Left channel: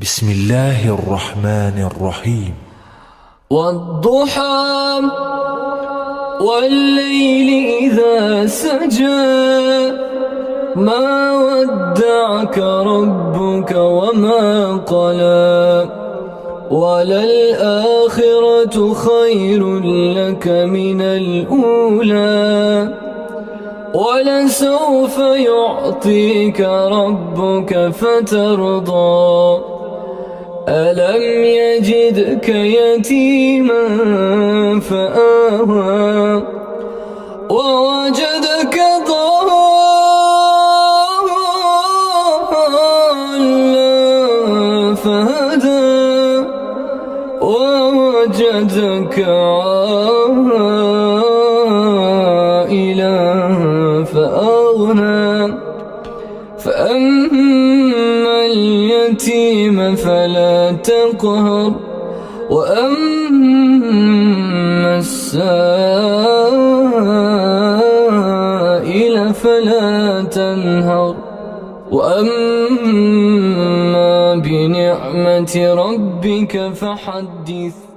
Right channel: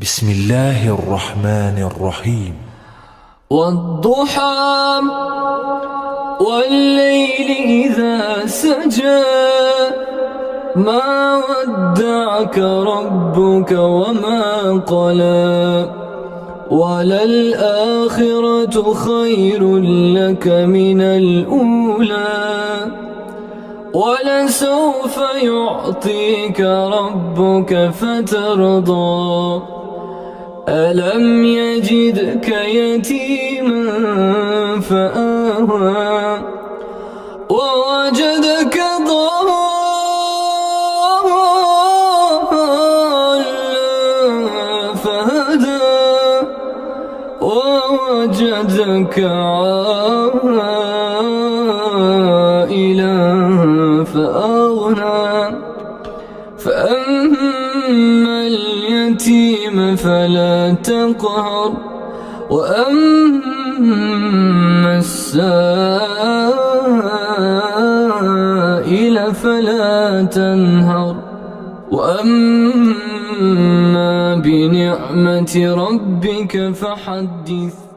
بسم الله الرحمن الرحيم. والضحى والليل إذا سجى ما ودعك ربك وما قلى وللآخرة خير لك من الأولى ولسوف يعطيك ربك فترضى ألم يجدك يتيما فآوى ووجدك ضالا فهدى ووجدك عائلا فأغنى فأما اليتيم فلا تقهر وأما السائل فلا تنهر وأما بنعمة ربك فحدث.